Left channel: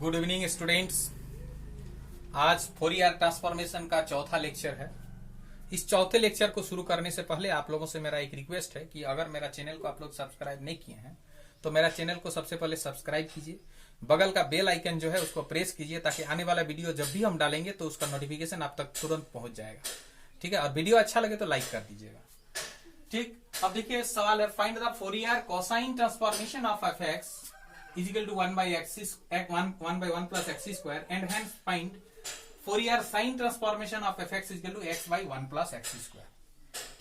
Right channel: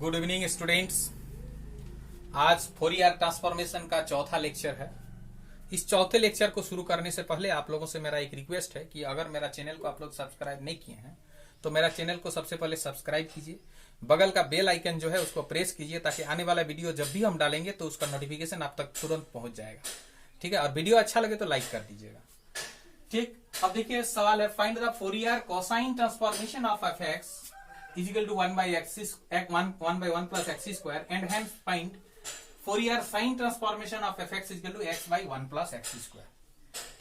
Good evening students. आज Fourier transformation का चौथा लेक्चर है। इस चौथे लेक्चर को शुरू करने से पहले आप लोगों से मेरा एक रिक्वेस्ट है कि अगर मेरा चैनल को आप लोग सब्सक्राइब नहीं किए हैं तो मेरा चैनल को सबसे पहले सब्सक्राइब कीजिए। बगल का बेल आइकन जो है उसको प्रेस कीजिए ताकि आने वाला वीडियो जब भी हम डालेंगे तो उसका नोटिफिकेशन आप तक तुरंत पहुंच जाएगा। ठीक है, और वीडियो अच्छा लगे तो लाइक कर दीजिएगा। ठीक, अब देखिए सवाल है, find the Fourier cosine transformation of F x is equal to 1 by 1 plus x square and hence find Fourier sin transformation of fx is equal to x by 1 plus x square।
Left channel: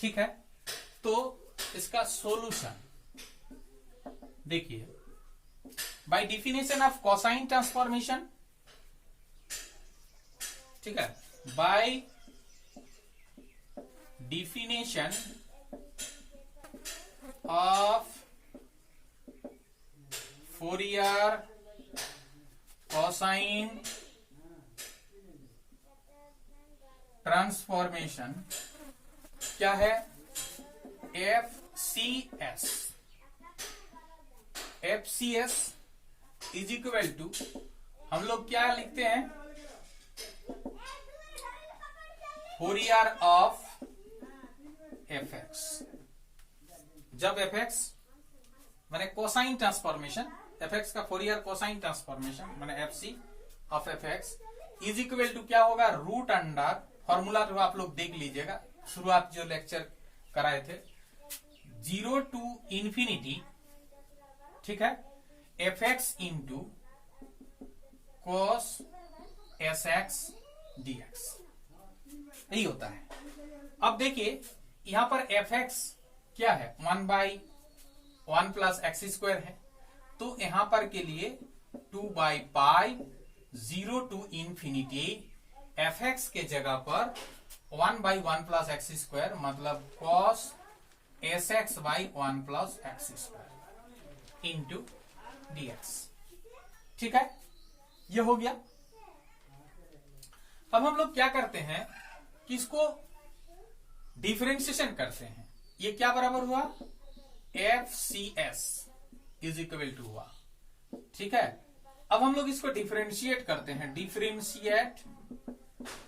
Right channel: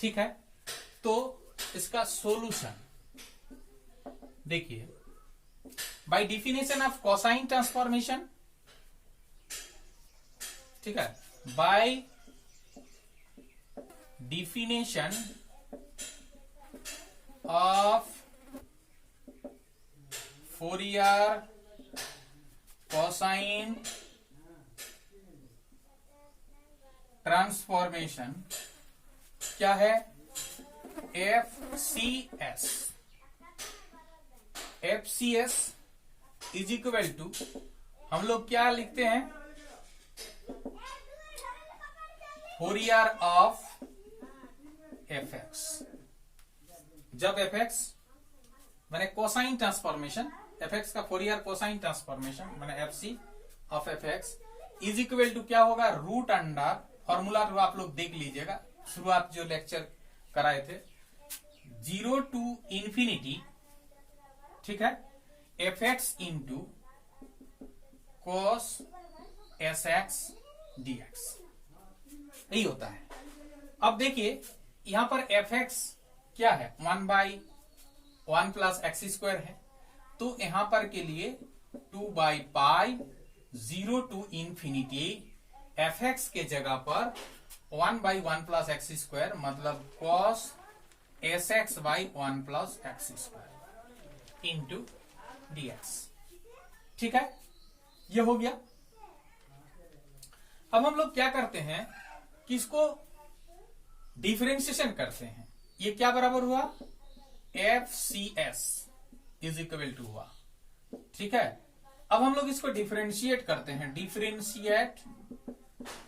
ठीक है, तो इसका solution देखिए, by definition of cosine transformation, ठीक है, by definition of Fourier cosine transformation क्या है? FCS is equal to, हम लोग क्या लिखते हैं, फोरियर ऑफ fx। जब fx मैंने कोसाइन ट्रांसफॉर्मेशन, fx का फोरियर कोसाइन ट्रांसफॉर्मेशन मैंने FC of fx is equal to क्या होगा, रूट अंडर, फॉर्मूला तो आप लोग देख लीजिएगा, शुरुआत जो लेक्चर कराए थे, 0 टू इंफिनिटी, ठीक है, fx into cos sx dx, यही होता है। अब देखिए यहां पर fx क्या है, 1 बाई 1 प्लस एक्स स्क्वायर है, तो यहां पर के लिए 2 by pi 0 to infinity fx के जगह पर 1 बाई 1 प्लस एक्स स्क्वायर मतलब cos sx by 1 plus x square into dx। ठीक है, ये हो गया। अब हम लोग क्या करते हैं कि इसको डिफरेंशिएशन करते हैं। ये क्या बराबर हुआ, FCS इज इक्वल टू हुआ। ठीक है, अब हम लोग इसको डिफरेंशिएट करते हैं, differentiate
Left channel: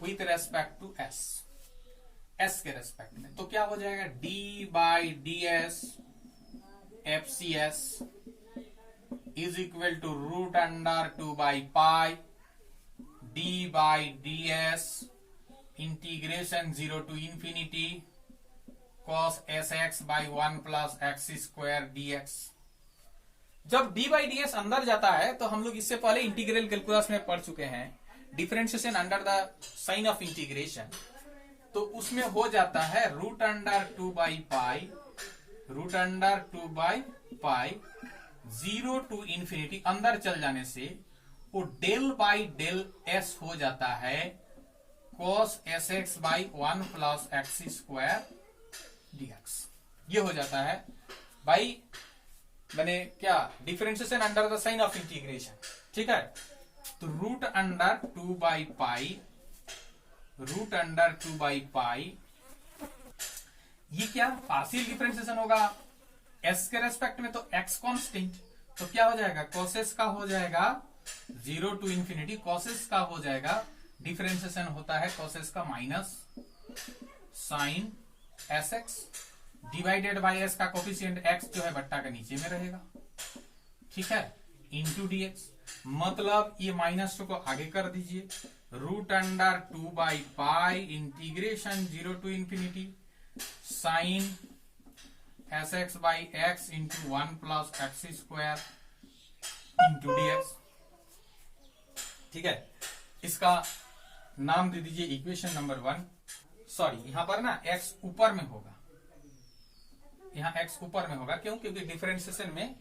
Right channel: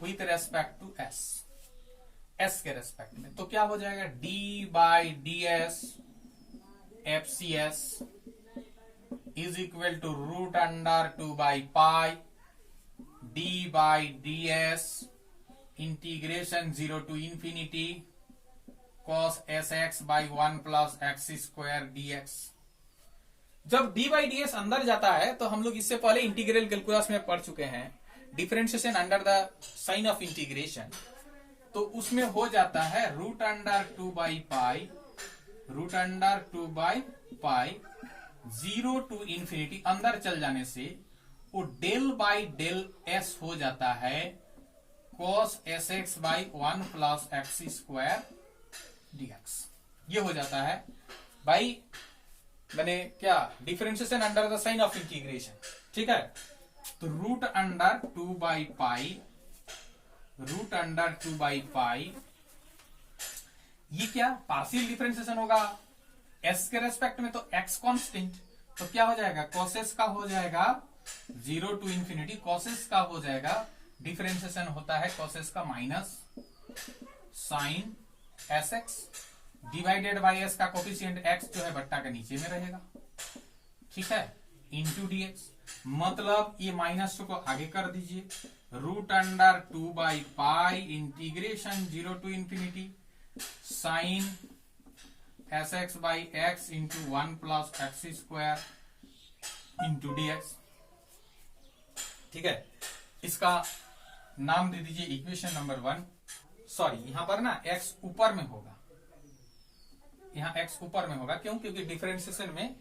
with respect to s के रेस्पेक्ट में, तो क्या हो जाएगा, d by D s FCS is equal to root under 2 by pi d by D s integration 0 to infinity cos sx by 1 plus x square dx। जब d by D एस अंदर जाता है तो हम लोग इससे पहले इंटीग्रल कैलकुलस में पढ़ चुके हैं, differentiation under the sign of integration, तो उसमें हो जाता है root under 2 by pi, root under 2 by pi 0 to infinity, अंदर चल जाने से वो डेल बाई डेल s हो जाता है cos sx by 1 plus x square dx। ये हो जाता है भाई, मैंने क्या, differentiation under the sign of integration. ठीक है, तो root under 2 by pi, root under 2 by pi, ये क्या पार्शियल डिफरेंशिएशन होगा s के रेस्पेक्ट में, तो x कांस्टेंट, तो क्या हो जाएगा, cos का हो जाएगा 0 टू इंफिनिटी, cos का हो जाएगा, डिफरेंशिएशन होता है cos का minus sine sx divided by s का कोफिशिएंट x जो है बट्टा के नीचे में रहेगा। ठीक है, इंटू dx, मतलब ये माइनस को आगे कर दीजिए, root under 2 by pi integration 0 to infinity sine sx by x into 1 plus x square into dx। ठीक है, इसका नाम दे दीजिए इक्वेशन नंबर 1। सॉरी, यहां पर ना x ऊपर में होगा, यहां x ऊपर में होगा, क्यों, क्योंकि डिफरेंशिएशन में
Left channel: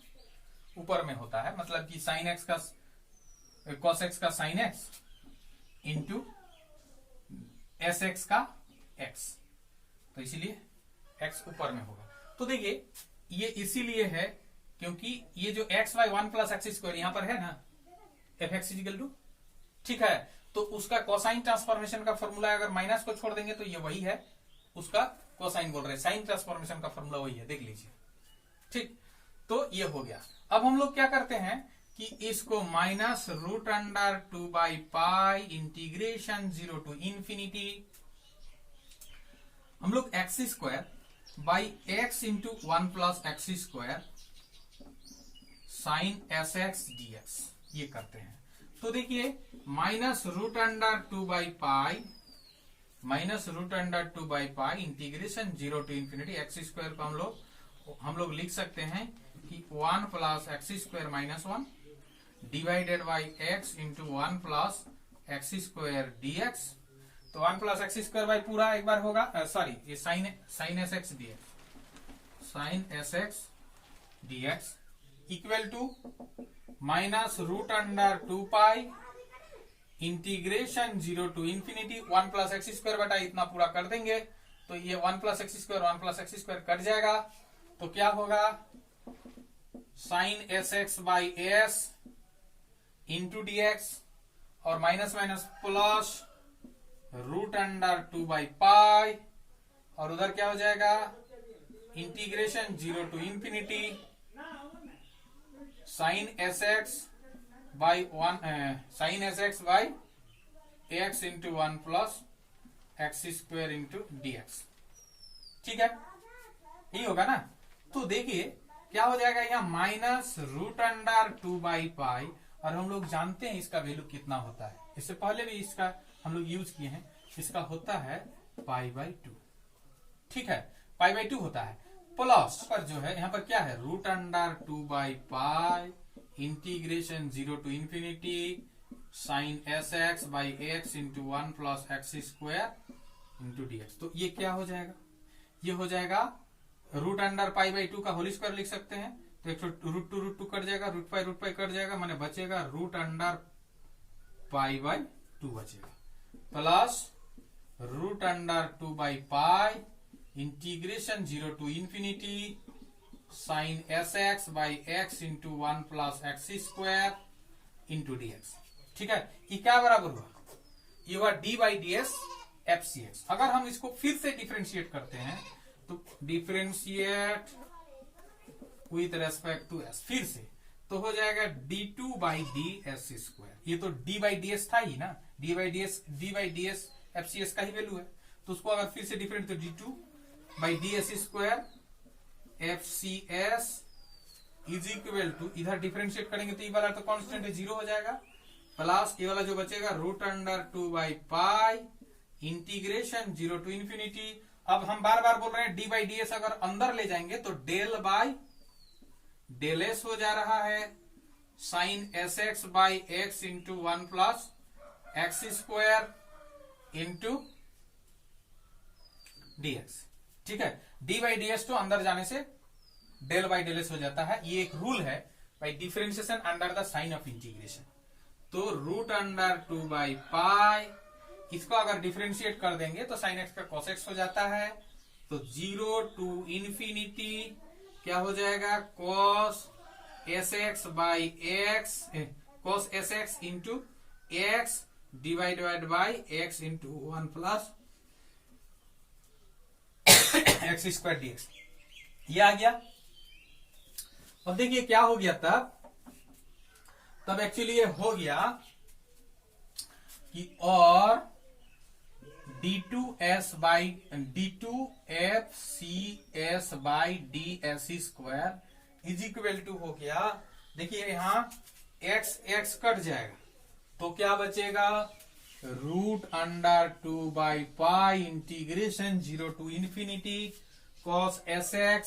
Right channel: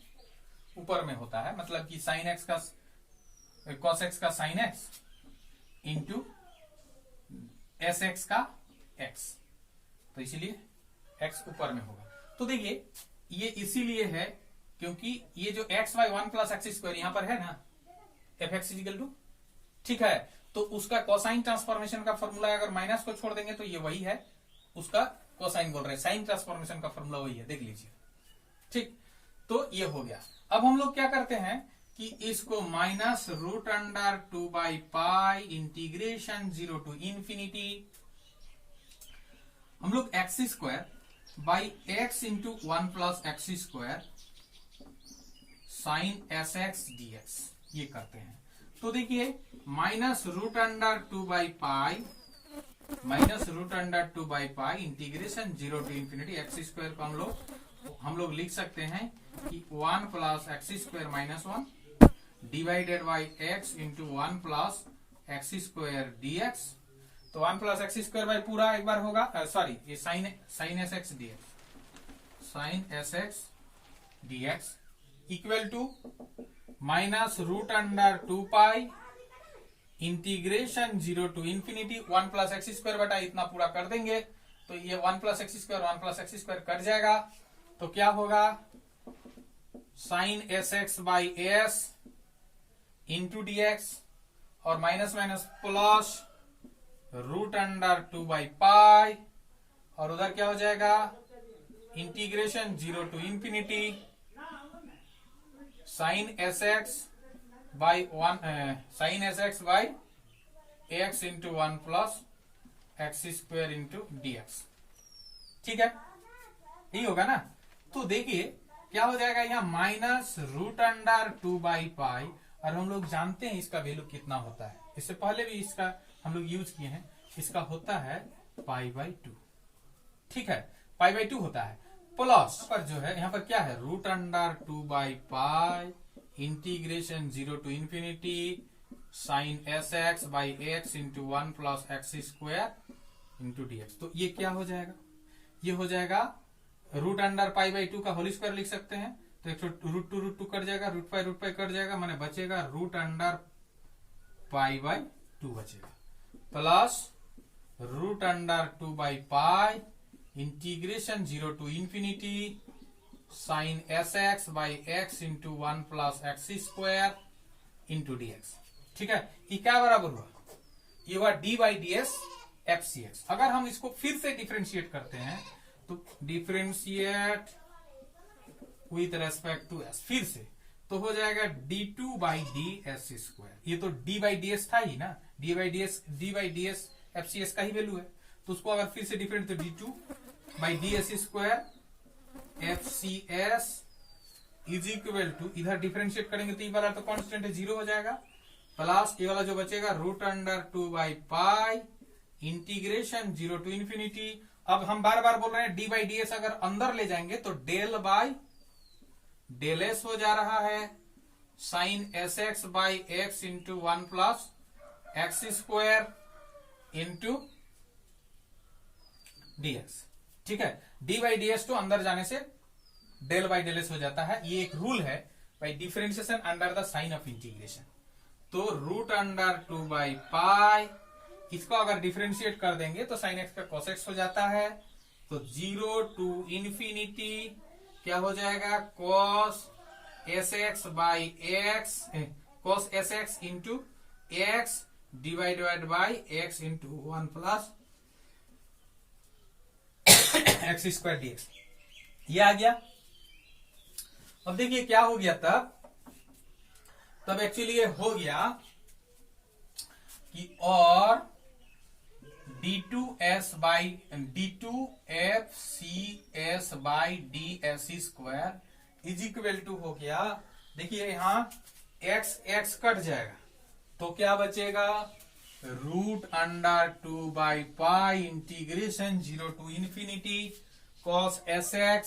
ऊपर में होता है, मतलब कि साइन x का cos x का साइन x इंटू sx का x, तो इसलिए x ऊपर में होगा। तो देखिए ये इसीलिए है क्योंकि ये जो x by 1 plus x square यहां पर है ना, fx इक्वल टू, ठीक है, तो उसका कोसाइन ट्रांसफॉर्मेशन का फॉर्मूला अगर माइनस को छोड़ देंगे तो ये वही है, उसका कोसाइन बोल रहे हैं, साइन ट्रांसफॉर्मेशन का फॉर्मूला वही है, देख लीजिए। ठीक, तो ये हो गया। अब हम लोग क्या करते हैं कि इसको माइनस रूट अंडर 2/पाई इंटीग्रेशन 0 टू इंफिनिटी हम लोग x square by x into 1 plus x square sine s x d x ये करते हैं। तो देखिए माइनस रूट अंडर 2/पाई integration 0 to infinity x square को हम लोग लिख सकते हैं कि 1 plus x square minus 1 divided by x into 1 plus x square d x. तो 1 प्लस एक्स स्क्वायर बाई पूरा एक बार होगा, सॉरी ये sine s x d x equal to minus root under 2 integration 0 to infinity 1 plus x square बटा इतना पूरा कर देंगे तो ये 1 प्लस एक्स स्क्वायर कट जाएगा। तो क्या होगा sine s x by s into d x और minus minus plus root under 2/पाई और उधर क्या हो जाएगा integration 0 to infinity sine s x by x into 1 plus x square into d x. ठीक है, यही होगा ना। तो देखिए क्या हो जाएगा यहाँ माइनस रूट अंडर 2/पाई और हम लोग जानते हैं इसका वैल्यू कितना होता है, इससे पहले भी इसका हम लोग यूज किए हैं, इसका होता है π/2। ठीक है, π/2 होता है प्लस पर जो है यहाँ पर क्या है रूट अंडर 2/पाई integration 0 to infinity sine s x by x into 1 plus x square into d x. तो ये क्या हो जाएगा, ये हो जाएगा रूट अंडर π/2 का होल स्क्वायर लिख सकते हैं। तो एक रूट टू कट जाएगा, रूट पाई कट जाएगा, माने बचेगा रूट अंडर π/2 बचेगा प्लस रूट अंडर 2/पाई integration 0 to infinity sine s x by x into 1 plus x square into d x. ठीक है, ये क्या बराबर हुआ, ये हुआ d/ds fcx। अगर हम इसको फिर से डिफरेंशिएट करते हैं तो differentiate with respect to s फिर से तो हो जाएगा d2/ds²। ये तो d/ds था ही ना, d/ds fcs का ही वैल्यू है। तो उसको अगर फिर से डिफरेंट तो d2/ds² fcs is equal to इधर डिफरेंशिएट करेंगे तो ये वाला तो कांस्टेंट है 0 हो जाएगा प्लस ये वाला जो बचेगा रूट अंडर 2/पाई इंटीग्रेशन 0 टू इंफिनिटी। अब हम बार बार बोल रहे हैं d/ds अगर अंदर ले जाएंगे तो डेल s हो जा रहा है sine s x by x into 1 plus x square into dx। ठीक है, d/ds तो अंदर जाने से डेल s हो जाता है। ये एक रूल है by differentiation under the sign of integration. तो रूट अंडर 2/पाई इसको अगर डिफरेंशिएट कर देंगे तो साइन एक्स का cos x हो जाता है। तो 0 टू इंफिनिटी क्या हो जाएगा cos sx by x cos sx into x divided by x into 1 plus x square dx. ये आ गया। अब देखिए क्या हो गया तब एक्चुअली ये हो गया कि और d2fcs by ds² is equal to हो गया। देखिए यहां x कट जाएगा तो क्या बचेगा रूट अंडर 2/पाई integration 0 to infinity cos sx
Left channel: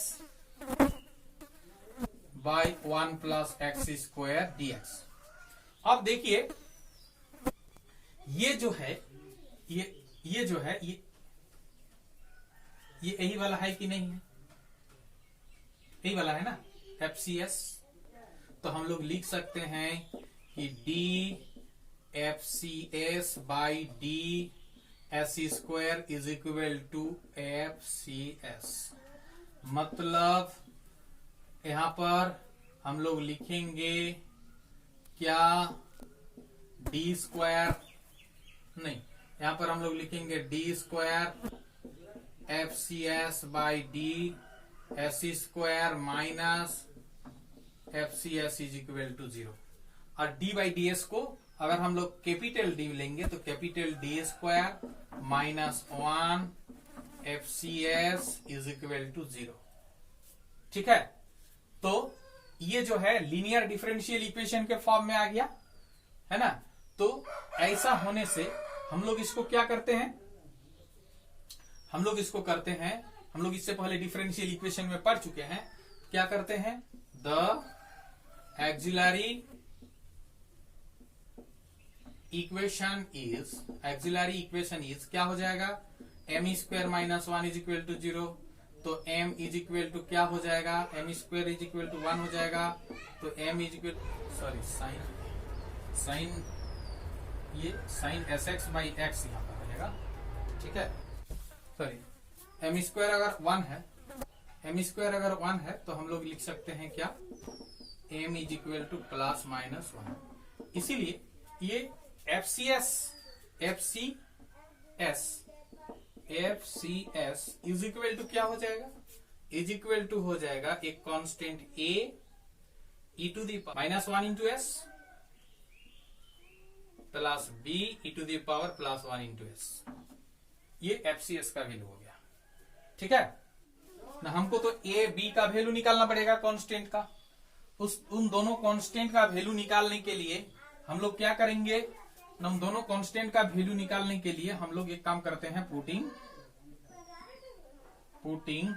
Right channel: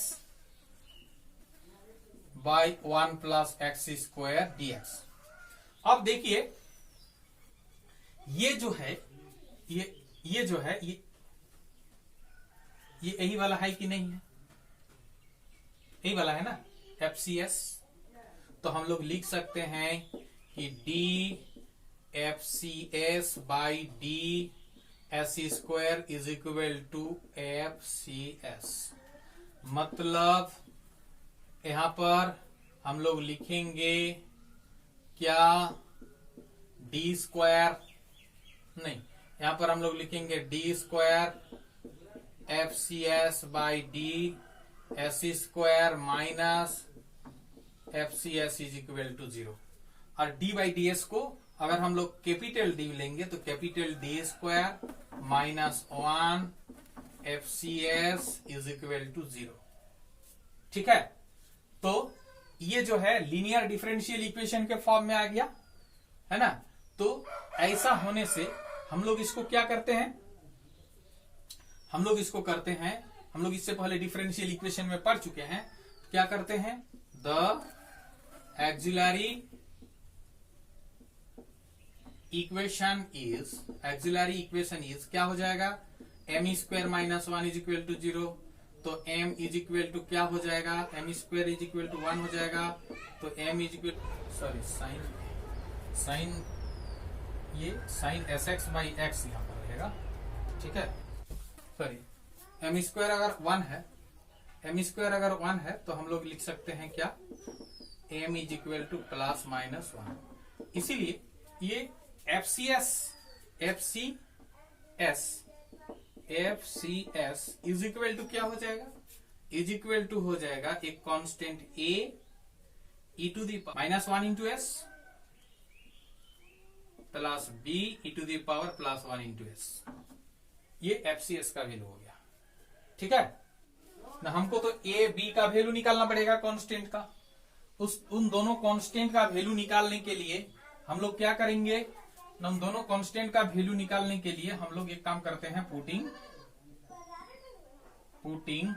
by 1 plus x square dx। अब देखिए ये जो है ये जो है ये यही वाला है कि नहीं है, यही वाला है ना fcs। तो हम लोग लिख सकते हैं कि dfcs by ds² is equal to fcs। मतलब यहां पर हम लोग लिखेंगे क्या d² नहीं, यहां पर हम लोग लिखेंगे d² fcs by ds² minus fcs is equal to 0। और डी बाई डी एस को अगर हम लोग कैपिटल डी लेंगे तो capital d square minus 1 FCS is equal to 0। ठीक है, तो ये जो है लीनियर डिफरेंशियल इक्वेशन के फॉर्म में आ गया है ना। तो ऐसा होने से हम लोग इसको क्या करते हैं, हम लोग इससे पहले डिफरेंशियल इक्वेशन में पढ़ चुके हैं। क्या करते हैं, द एक्सिलरी इक्वेशन इज क्या हो जाएगा, m square minus 1 is equal to 0। तो m इज इक्वल टू क्या हो जाएगा, m square is equal to 1 हो जाएगा। तो m is equal sine sx by x यहां पर रहेगा। ठीक है, सॉरी m स्क्वायर अगर 1 है तो हम लोग लिख सकते हैं क्या, m is equal two plus minus 1। इसीलिए ये FCS इज इक्वल टू क्या हो जाएगा, इज इक्वल टू हो जाएगा एक constant a e to the minus 1 into s plus b e to the power plus 1 into s. ये FCS का वैल्यू हो गया। ठीक है ना, हमको तो a b का वैल्यू निकालना पड़ेगा कांस्टेंट का। उन दोनों कांस्टेंट का वैल्यू निकालने के लिए हम लोग क्या करेंगे, हम दोनों कांस्टेंट का वैल्यू निकालने के लिए हम लोग एक काम करते हैं, putting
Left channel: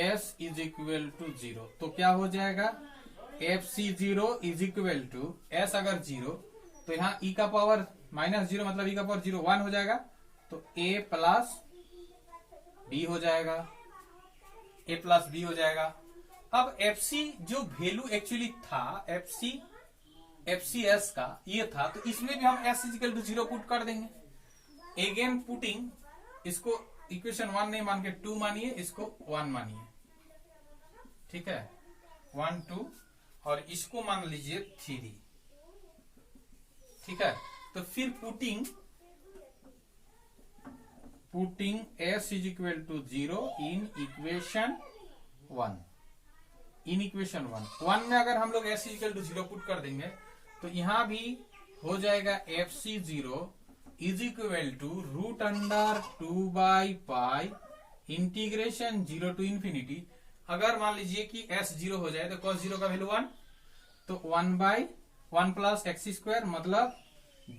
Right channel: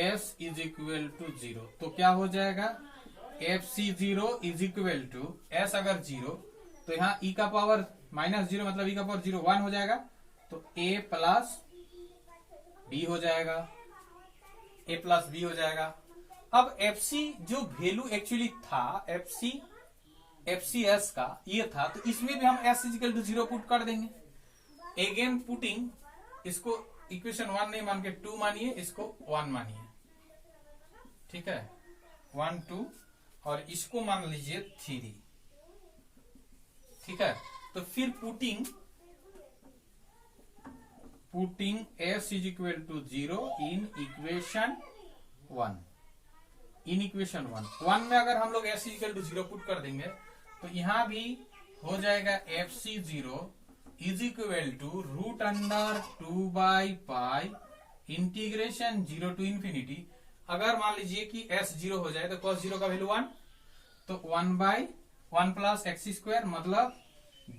s is equal to 0। तो क्या हो जाएगा, FC0 is equal to s अगर 0 तो यहाँ e का पावर माइनस 0 मतलब e का पावर 0 1 हो जाएगा। तो a प्लस b हो जाएगा। अब FC जो वैल्यू एक्चुअली था FCS का ये था, तो इसमें भी हम s इक्वल टू 0 पुट कर देंगे। अगेन पुटिंग, इसको इक्वेशन 1 नहीं मान के 2 मानिए, इसको 1 मानिए। ठीक है, 1 2 और इसको मान लीजिए 3। ठीक है, तो फिर putting s is equal to 0 in equation 1। One में अगर हम लोग s इक्वल टू 0 पुट कर देंगे तो यहां भी हो जाएगा FC0 is equal to root under 2 by pi integration 0 to infinity. अगर मान लीजिए कि s 0 हो जाए तो cos 0 का वैल्यू 1, तो 1 बाई 1 प्लस एक्स स्क्वायर मतलब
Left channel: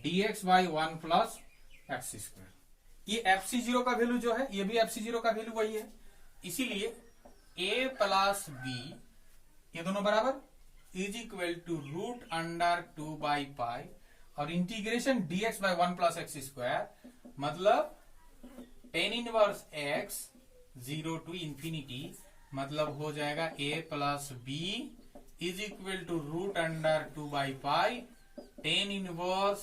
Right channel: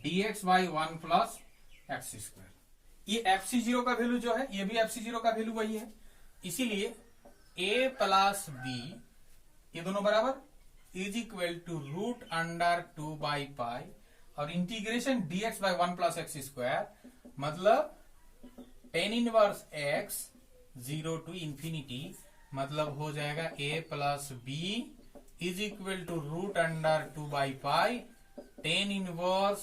dx by 1 plus x square. ये FC0 का वैल्यू जो है, ये भी FC0 का वैल्यू वही है। इसीलिए a प्लस b ये दोनों बराबर is equal to root under 2 by pi और integration dx by 1 plus x square मतलब tan inverse x 0 to infinity मतलब हो जाएगा a plus b is equal to root under 2 by pi tan inverse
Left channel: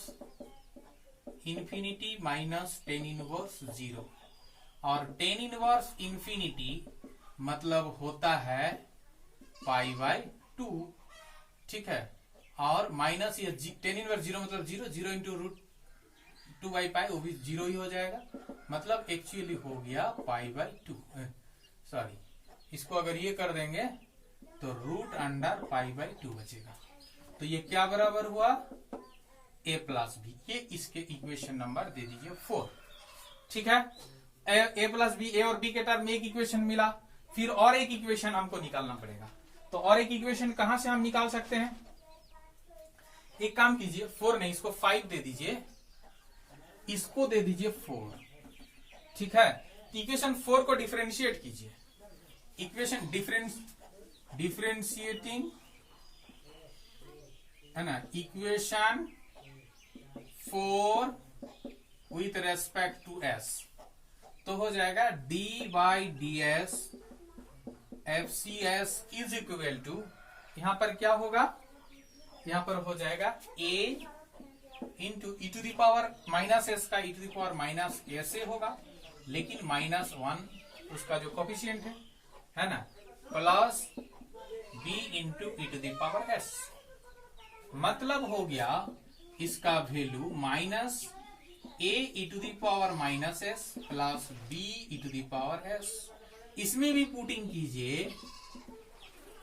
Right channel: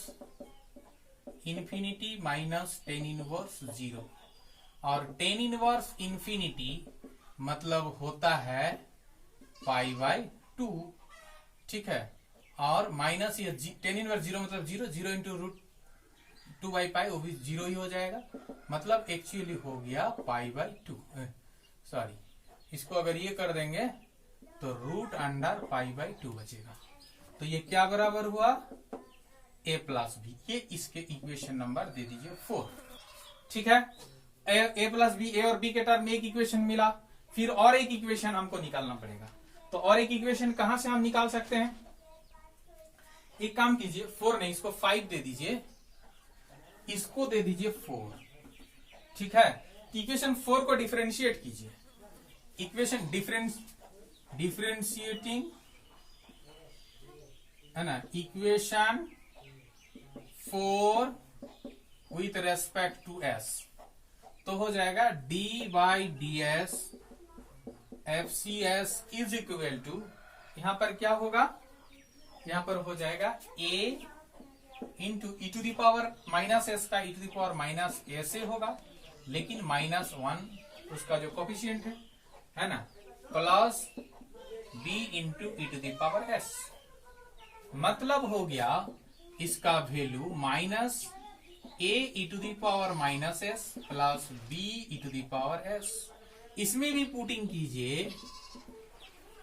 infinity minus tan inverse 0। और tan inverse infinity मतलब होता है पाई by 2। ठीक है, और माइनस ये tan इनवर्स 0 मतलब 0 इंटू रूट 2 बाई पाई, वो भी 0 ही हो जाएगा, मतलब एक्चुअली हो गया पाई बाई 2। सॉरी, इसको अगर ये कर देंगे तो रूट अंडर पाई बाई 2 बचेगा। तो ये क्या बराबर हुआ, a प्लस बी। ये इसके इक्वेशन नंबर दे दीजिए 4। ठीक है, a प्लस बी, ए और बी के टर्म में एक इक्वेशन मिला। फिर और एक इक्वेशन हमको निकालना पड़ेगा। तो और एक इक्वेशन कहां से हम निकाल सकते हैं, एक काम कीजिए, 4 नहीं, इसको 5 दे दीजिए, इसको दे दीजिए 4। ठीक है, इक्वेशन 4 को डिफरेंशिएट कीजिए। इक्वेशन डिफरेंशिएटिंग है ना, equation 4 with respect to s, तो हो जाएगा d by D s FCS is equal to, यहां पर क्या होगा, यहां पर हो जाएगा a into e to the power minus s का e to the power minus s a होगा, लेकिन माइनस 1 उसका जो कोफिशिएंट है ना, plus b into e to the power s. मतलब हो गया इसका value minus a E to the power minus s plus b e to the power s. इसमें भी पुटिंग कीजिए,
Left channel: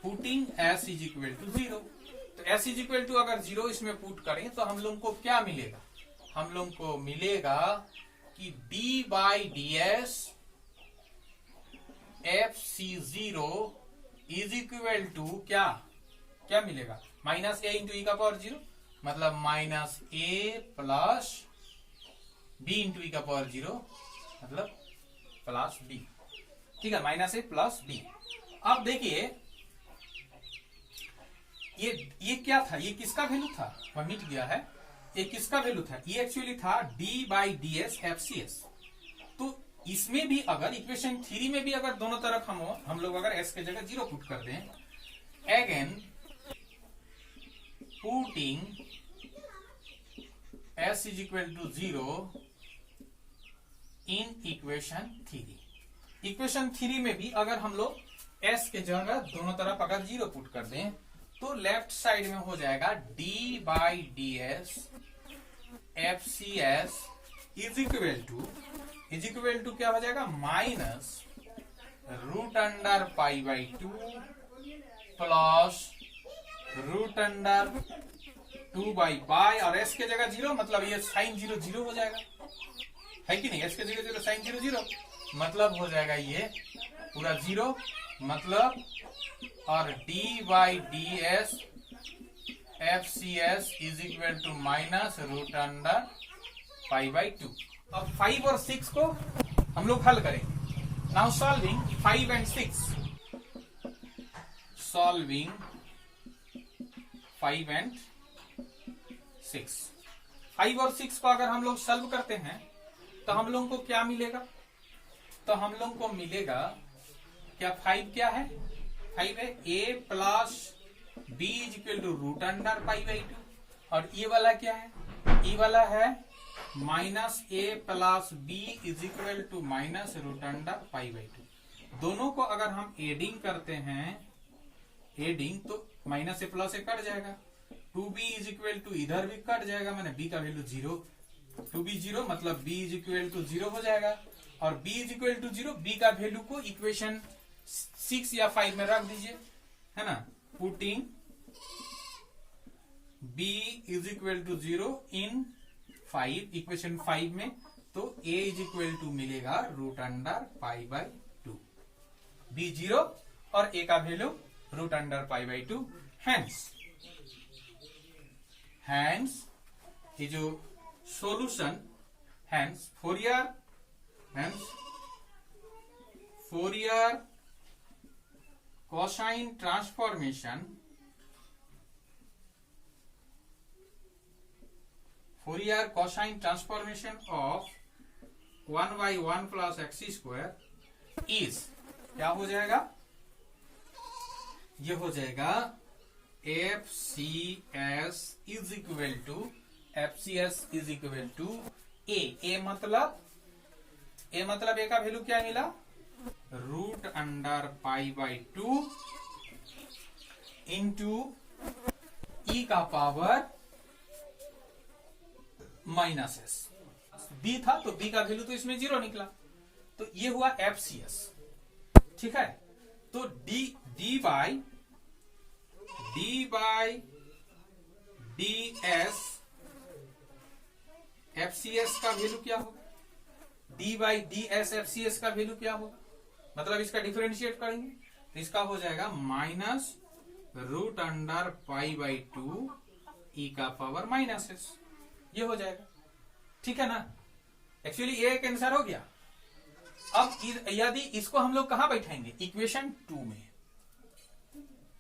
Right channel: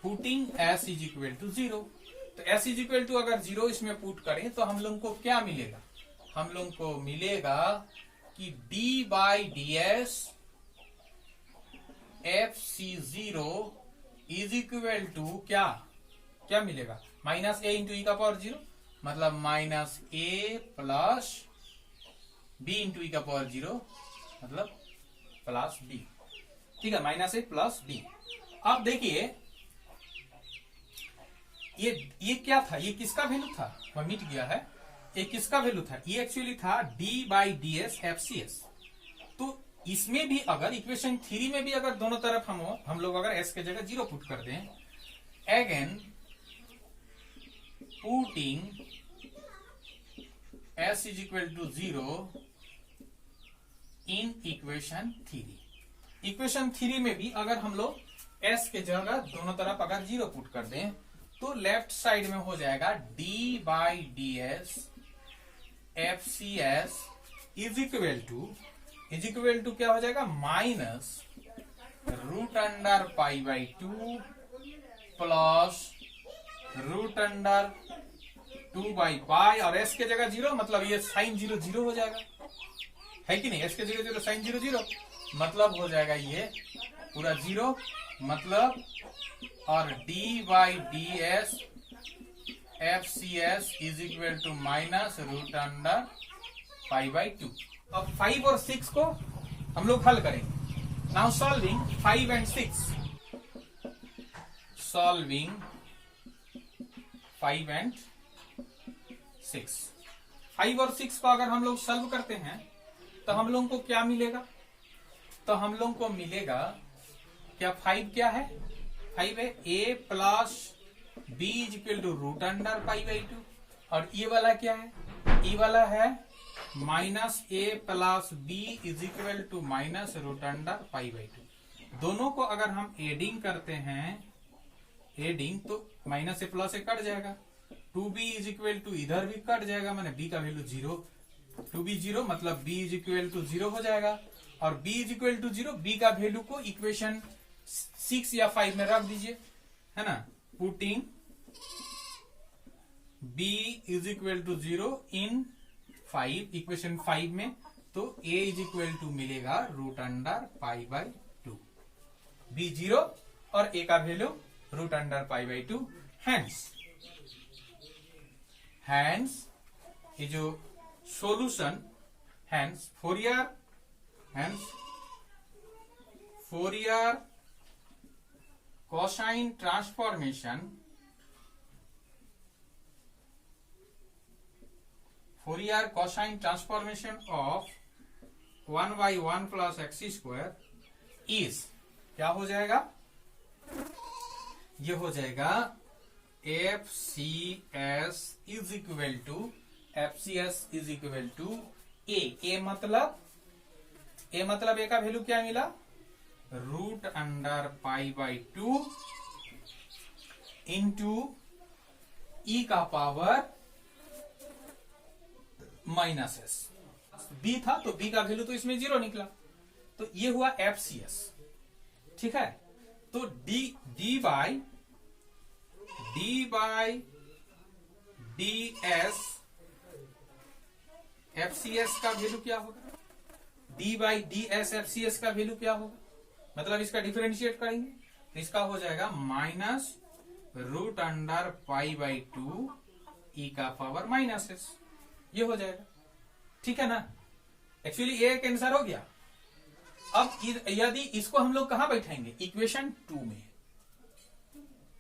putting s is equal to 0। तो s इज इक्वल टू अगर 0 इसमें पुट करें तो हम लोग को क्या मिलेगा, हम लोग को मिलेगा कि d by D s f c 0 is equal to क्या क्या मिलेगा, माइनस ए इंटू ई का पावर 0, मतलब minus a plus B into e का पावर 0, मतलब प्लस बी। ठीक है, माइनस ए प्लस बी। अब देखिए ये क्या था, ये किसका वैल्यू था, वह मिट गया है। ये किसका वैल्यू था, ये एक्चुअली था d by D s f C s. तो इसमें भी अगर इक्वेशन 3 में भी अगर दोनों तरफ हम लोग अगर एस के जगह 0 पुट कर दें, again putting s is equal to 0 in equation 3। Equation 3 में भी अगर हम लोग s के जगह दोनों तरफ अगर 0 पुट कर दें तो लेफ्ट साइड में हो जाएगा d by D s f C S is equal to क्या हो जाएगा, minus root under pi by 2 plus root under 2 by pi, और s के जगह 0, मतलब ये साइन 0 0 हो जाएगा, है कि नहीं। s के जगह 0 साइन 0 0, मतलब हो जाएगा ये पूरा 0, मतलब और d by D s f C S is equal to minus root under pi by 2। अब 5 और 6 को हम लोग हल करेंगे। Now solving 5 and 6, solving 5 and 6। 5 और 6 को अगर हम लोग सॉल्व करते हैं तो हम लोग को क्या मिलेगा, तो हम लोग को मिलेगा क्या, 5 क्या है, 5 है a plus b is equal to root under pi by 2, और ये वाला क्या है, ये वाला है minus a plus b is equal to minus root under pi by 2। दोनों को अगर हम एडिंग करते हैं, एडिंग, तो minus a plus A cut जाएगा, 2b इज इक्वल टू इधर भी कट जाएगा, मैंने b का वैल्यू 0, 2b 0, मतलब b इज इक्वल टू 0 हो जाएगा, और b is equal to 0, b का वैल्यू को इक्वेशन 6 या 5 में रख दीजिए, है ना। Putting b is equal to 0 in 5, equation 5 में, तो a इज इक्वल टू मिलेगा root under pi by 2, b 0 और a का value root under pi by 2। Hence ये जो solution, hence Fourier cosine transformation, Fourier cosine transformation of 1 by 1 plus x square is क्या हो जाएगा, ये हो जाएगा F C S is equal to A मतलब ए का वैल्यू क्या मिला, root under pi by 2 into e का पावर माइनस एस। बी था तो बी का वैल्यू तो इसमें 0 निकला, तो ये हुआ एफ सी एस। ठीक है, तो d by D s f C s का वैल्यू क्या होगा, d by D s f C s का वैल्यू क्या होगा, मतलब इसका डिफरेंशिएट करेंगे तो इसका हो जाएगा minus root under pi by 2 e का पावर माइनस एस, ये हो जाएगा। ठीक है ना, एक्चुअली ये एक आंसर हो गया। अब यदि इसको हम लोग कहां बैठाएंगे, इक्वेशन 2 में।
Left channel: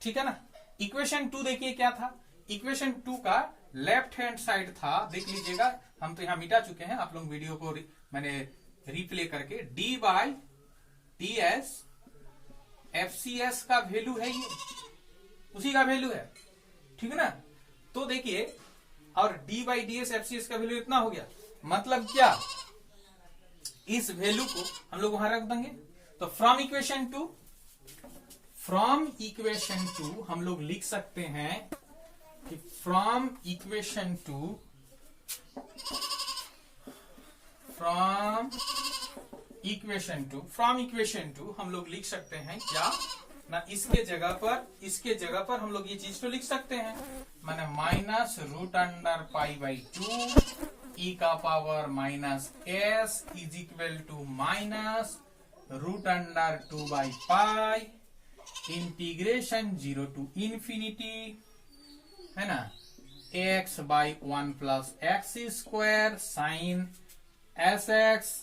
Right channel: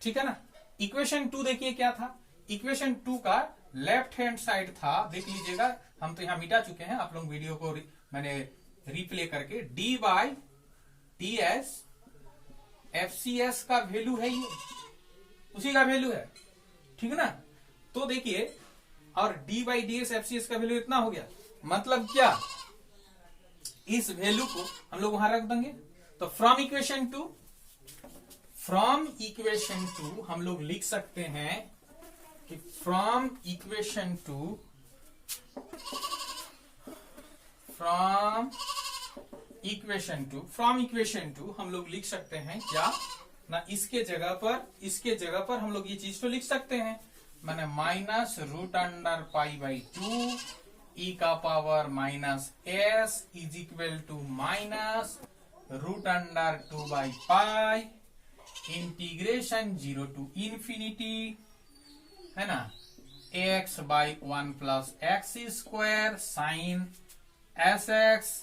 ठीक है ना, इक्वेशन 2 देखिए क्या था, इक्वेशन 2 का लेफ्ट हैंड साइड था, देख लीजिएगा, हम तो यहां मिटा चुके हैं, आप लोग वीडियो को मैंने रिप्ले करके, d by t s f C s का वैल्यू है, ये उसी का वैल्यू है। ठीक है ना, तो देखिए, और d by D s f C s का वैल्यू इतना हो गया, मतलब क्या, इस वैल्यू को हम लोग वहां रख देंगे। तो फ्रॉम इक्वेशन 2 हम लोग लिख सकते हैं कि फ्रॉम इक्वेशन 2 हम लोग लिख सकते हैं क्या, ना, इसके जगह पर हम लोग ये चीज तो लिख सकते हैं, मैंने minus root under pi by 2 e का power minus s is equal to minus root under 2 by pi integration 0 to infinity, है ना, x by 1 plus x square sine s x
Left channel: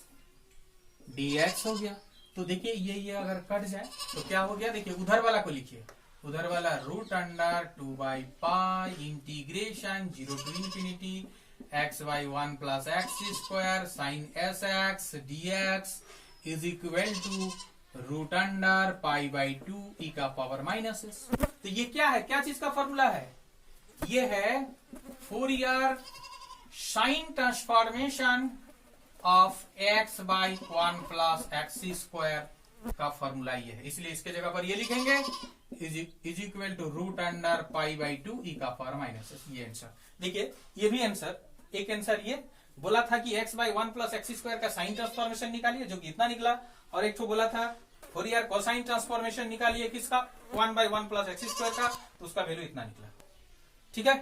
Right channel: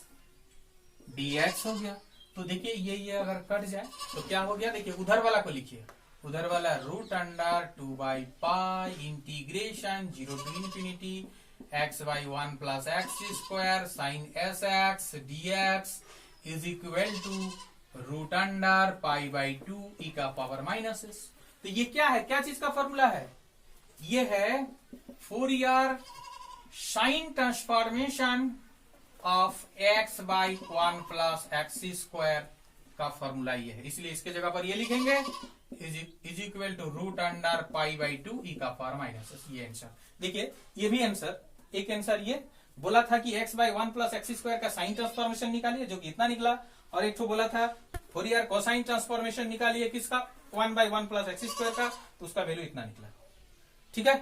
dx हो गया। तो देखिए ये अगर कट जाए तो क्या हो गया, देखिए उधर वाला को लिखिए, उधर वाला root under 2 by pi integration 0 to infinity x by 1 plus x square sine s x dx is equal to root under pi by 2 e का पावर माइनस एस। तो ये क्या है, क्या चीज का फॉर्मूला है, ये है Fourier sine transformation of x by 1 plus x square का फॉर्मूला ये है, इसलिए इसके जगह पर ये लिखेंगे is equal to root under pi by 2 e का पावर माइनस एस। ये आंसर देखिए, ये भी आंसर, एक आंसर ये बोला था कि x by 1 plus x square का साइन ट्रांसफॉर्मेशन निकालिए, जो कि इतना निकला, और एक तो बोला था फोरियर कोसाइन ट्रांसफॉर्मेशन निकालिए किसका, 1 बाई 1 प्लस एक्स स्क्वायर का, तो उसका वैल्यू इतना निकला। ठीक है।